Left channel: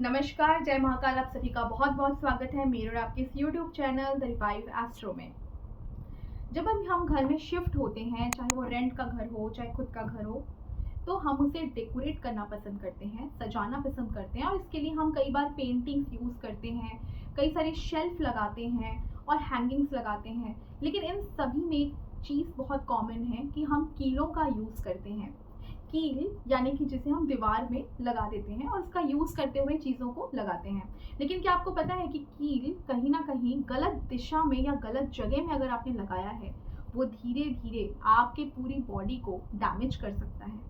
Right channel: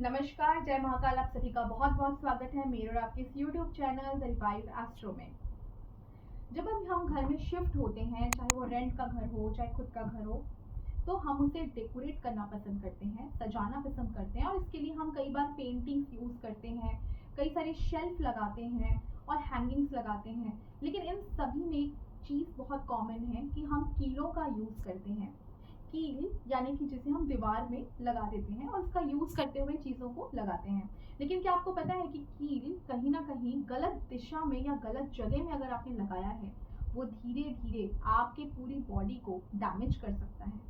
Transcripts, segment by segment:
नमस्कार, जय महाकाल। आप सभी का बहुत बहुत स्वागत है मेरे और आपके इस YouTube channel the revive astro में। जब हम घर में शिफ्ट होते हैं, चाहे वो रेंट का घर हो चाहे खुद का घर हो, तो हम उसे डेकोरेट करना पसंद करते हैं, सजाना पसंद करते हैं और इसके लिए हम कई बार पेंटिंग्स यूज़ करते हैं, कई सारे शेल्फ लगाते हैं और हैंगिंग्स लगाते हैं। लेकिन इन सभी में एक चीज़ बहुत कॉमन है कि हम कीलों का यूज़ करते हैं। कील यानी कि जिसे हम दीवार में लगा देते हैं और इसका यूज़ करते हुए चीज़ों को लगाते हैं। लेकिन क्या आपको पता है कि कील कहीं ना कहीं गलत दिशा में या गलत जगह में अगर आपने लगाया है, वो धीरे धीरे आपके पूरी बॉडी को डैमेज कर सकता है।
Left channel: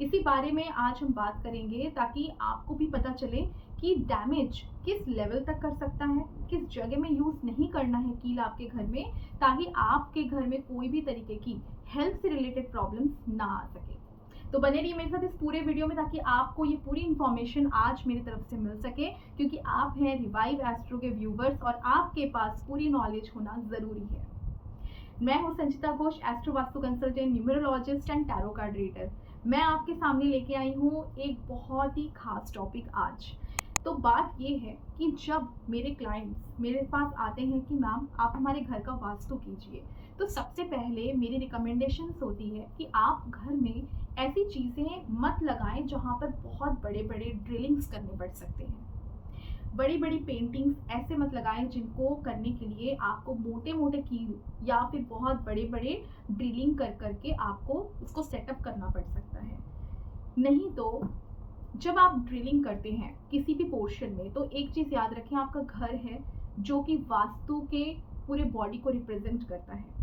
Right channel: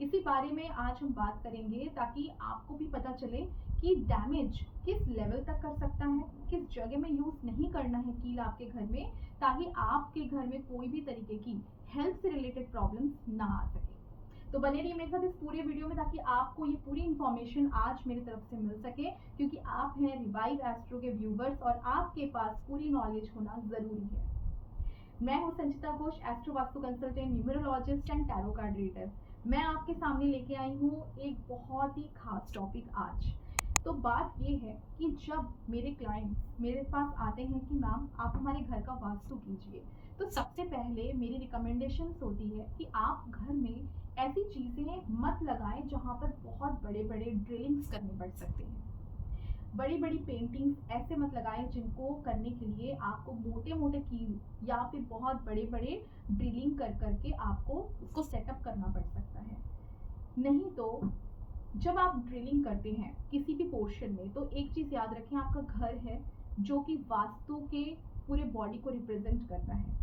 इसी बारे में आज हम बात करेंगे ताकि आपको भी पता चले कि डैमेज किस लेवल तक कर सकता है, किस जगह में यूज़ नहीं करना है कील आपके घर में, ताकि आपके घर में कोई भी तरीके की हेल्थ से रिलेटेड प्रॉब्लम्स ना आ सके। तो बने रहिए मेरे साथ इस पूरे वीडियो में ताकि आपको ये पूरी इन्फॉर्मेशन आज मेरी तरफ से मिल सके, क्योंकि आप हैं रिवाइव एस्ट्रो के व्यूवर्स और आपके पास पूरी नॉलेज होना ज़रूरी है। मैं हूँ Sanchita Ghosh, astro vastu consultant, numerologist and tarot card reader. मैं आपके सामने लेके आई हूँ एक बहुत ही खास टॉपिक आज। तो बात ये है कि जब मेरे क्लाइंट्स मेरे पास आते हैं कि मैम आप हमारे घर का वास्तु कीजिए, तो सबसे पहले मेरी रिकमेंडेशंस होती है कि आप घर में ऐसी चीज़ें मत लगाएं जहाँ पर बहुत बड़े बड़े ड्रिलिंग्स करने पड़ सकते हैं। बड़ी बड़ी पेंटिंग्स ऐसे मत लगाएं जिनको करने के लिए आपको मोटे मोटे कील या फिर बहुत बड़े बड़े ड्रिलिंग कर करके आपको उसको सेटअप करना पड़ सकता है। नहीं तो जब आप ड्रिलिंग करते हैं किसी भी पोर्शन में, तो एक चीज़ याद रखें, आपका घर है जो कि वास्तु के पूरे बॉडी को रिप्रेजेंट करता है।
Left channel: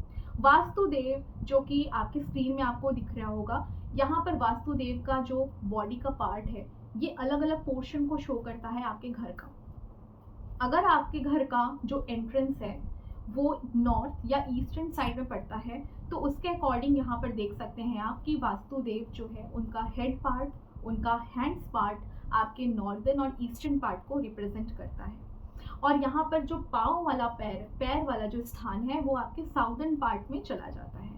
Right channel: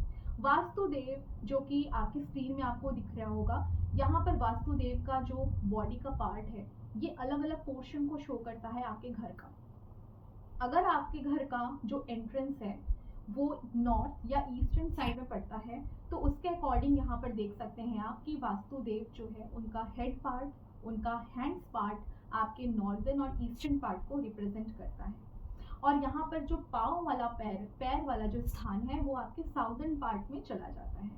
वास्तुदेव जो कि आपके स्क्रीन में आपको दिख रहा होगा, यहाँ पर वास्तुदेव का जो बॉडी का पार्ट है ये अलग अलग पोर्शन को शो करता है आपके घर का। अगर आपके घर का जो एंट्रेंस है वो नॉर्थ या ईस्टर्न साइड में पड़ता है, तो उसके अकॉर्डिंग यहाँ पर देख सकते हैं आप कि वास्तुदेव जो है उनका हेड पार्ट, उनका हैंड्स पार्ट आपके नॉर्दर्न और ईस्टर्न पार्ट को रिप्रेजेंट करता है। और यहाँ पर जो पाँव वाला पैर वाला जो स्थान है वो आपके साउदर्न पार्ट में चला जाता है।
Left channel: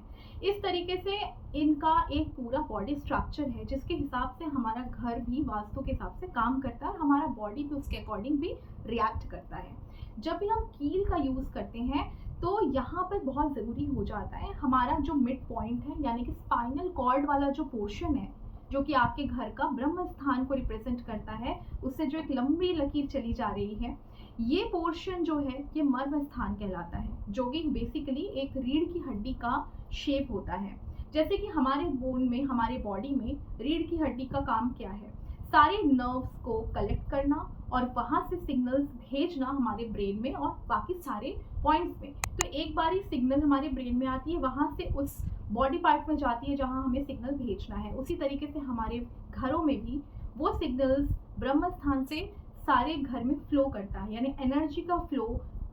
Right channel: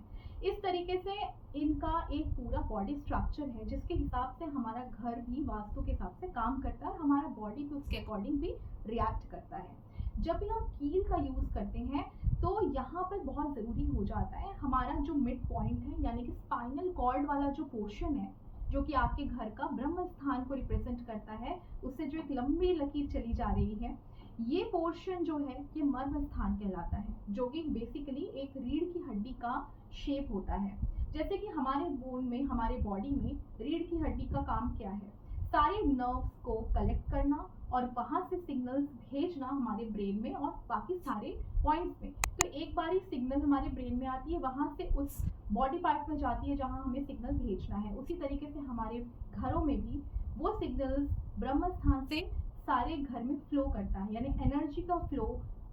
इस तरीके से इनका एक पूरा बॉडी स्ट्रक्चर है जिसके हिसाब से हमारा घर भी वास्तु के हिसाब से काम करता है और हमारा बॉडी भी उसके अकॉर्डिंग भी रिएक्ट करता है। जब भी हम कील का यूज़ करते हैं तो यहाँ पर बहुत ज़रूरी हो जाता है हमारा जो मिड पॉइंट है, यानी कि स्पाइनल कॉर्ड वाला जो पोर्शन है जो कि आपके घर का ब्रह्म स्थान को रिप्रेजेंट करता है, उससे जो एक लंबी लकीर चली जा रही है, ये पोर्शन जो है ये मर्म स्थान कहलाता है, जो कि बेसिकली एक रीढ़ की हड्डी का शेप होता है। जैसे कि हमारे बोन में, हमारे बॉडी में रीढ़ की हड्डी का काम क्या है? सारे नर्व्स को कलेक्ट करना और वहाँ से सिग्नल्स भेजना हमारे ब्रेन में और बाकी सारे पॉइंट्स में। तो एक बार ही सिग्नल हमारे ब्रेन में आती है, वहाँ से उस बॉडी पार्ट में जाती है जहाँ हमें सिग्नल भेजना है। उसी तरीके से हमारे घरों में भी वो सिग्नल्स ब्रह्म स्थान से सारे घर में फ्लो करता है, यानी एनर्जी का फ्लो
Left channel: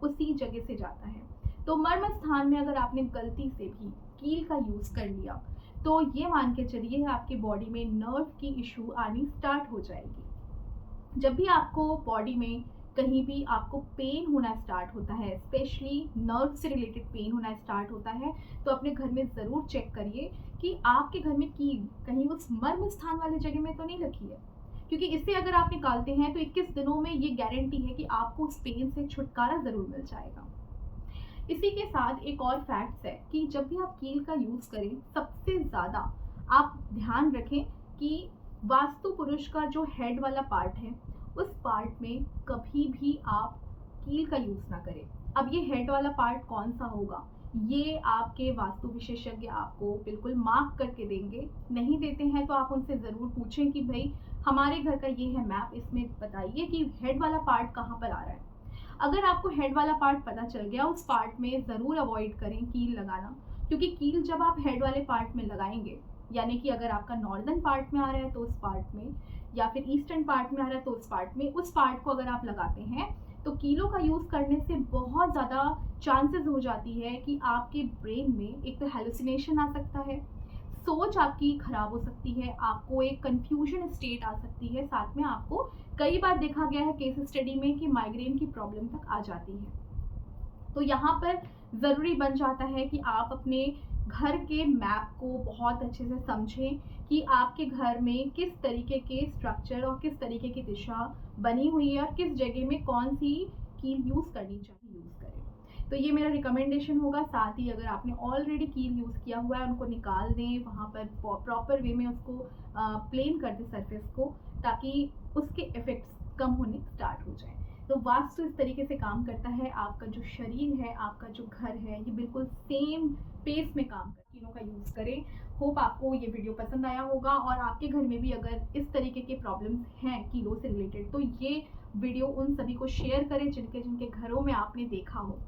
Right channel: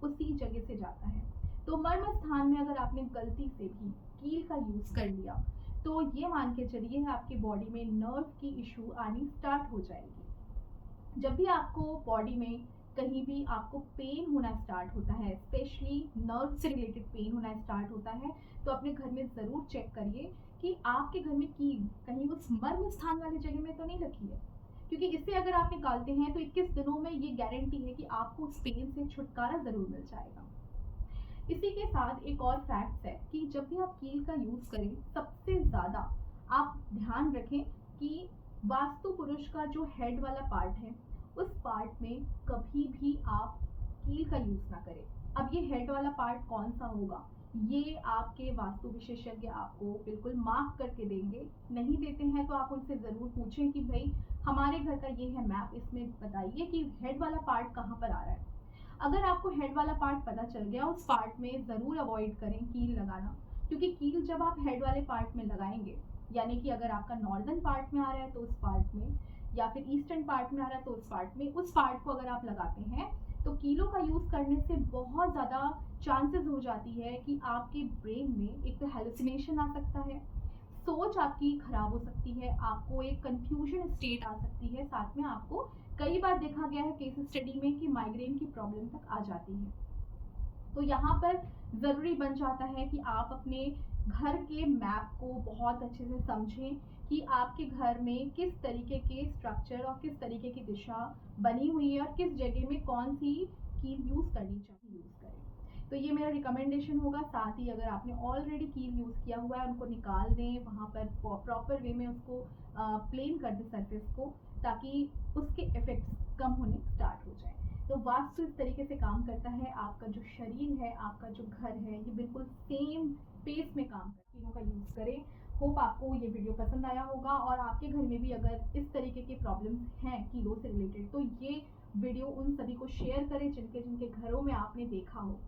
उसी जगह से जाता है। तो मर्म स्थान में अगर आपने गलती से भी कील का यूज़ कर लिया तो ये मान के चलिए आपकी बॉडी में नर्व की इशू आनी स्टार्ट हो जाएगी। जब भी आपको बॉडी में कहीं भी आपको पेन होना स्टार्ट होता है, स्पेशली नर्व से रिलेटेड पेन होना स्टार्ट होता है, तो अपने घर में ज़रूर चेक करिए कि आपके घर में कील कहीं उस मर्म स्थान वाली जगह में तो नहीं लगी है, क्योंकि इससे अगर आप निकालते हैं तो 21 दिनों में ये गारंटी है कि आपको उस पेन से छुटकारा ज़रूर मिल जाएगा। इसी के साथ एक और फैक्ट्स है कि जब भी आप कील का यूज़ करें, सबसे ज़्यादा आप ध्यान रखें कि वास्तु पुरुष का जो हेड वाला पार्ट है उस पार्ट में कभी भी आप कील का यूज़ ना करें। अब ये हेड वाला पार्ट कौन सा होगा, ये आपके वास्तु विशेषज्ञ आपको बिल्कुल मार्क करके देंगे। नहीं देते हैं तो आप उनसे ज़रूर पूछें कि भाई हमारे घर का ये है मैप, इसमें बताइए कि हेड वाला पार्ट कहाँ पर आ रहा है। अगर आपको हेड वाला पार्ट पता चल गया, उस पार्ट में ज़रूर अवॉइड करें कील लगाना, क्योंकि कील जब आप हेड वाले पार्ट में लगाएंगे, यानी कि अगर आपका नॉर्दर्न पार्ट में आ रहा है तो उस पार्ट में, या फिर ईस्टर्न पार्ट में आ रहा है तो उस पार्ट में, उस पार्ट को अगर आप लगाते हैं तो कीलों का यूज़ करने से बहुत ज़्यादा चांसेस हो जाती है कि आपके ब्रेन में एक तो हेलुसिनेशन आ सकता है, सोच आपकी खराब हो सकती है, आपको एक कंफ्यूजन स्टेट आ सकती है, साथ में आपको कई बार देखा गया है केस स्टडी में कि माइग्रेन की प्रॉब्लम तक आ जाती है। तो यहाँ पर ज़रूरी बन जाता है कि आप अपने घर के मैप को बहुत अच्छे से समझें कि आपके घर में किस तरीके के स्ट्रक्चर और किस तरीके की दिशा बनी हुई है और किस जगह में कौन सी कील यूज़ करनी चाहिए, यूज़ करें। तो ये मेरा रिकमेंडेशन होगा। साथ ही अगर आपने ऑलरेडी कील यूज़ किया हुआ है उनको निकाल दें, वहाँ पर प्रॉपर वे में उसको प्लेन कर दें सरफेस को, ताकि उसके इफ़ेक्ट्स कम होने स्टार्ट हो जाएँ। तो वास्तु इस तरीके से काम करता है, आपका जो शरीर है, आपका जो घर है, ये बिल्कुल सेम पेस में काम कर तीनों का यूज़ करें। होप आपको ये वीडियो पसंद आया होगा और आपके घर में भी अगर इस तरीके के प्रॉब्लम्स हैं कीलों से रिलेटेड, तो ये वीडियो उन सभी को शेयर करें जिनके जिनके घरों में आपने देखा हो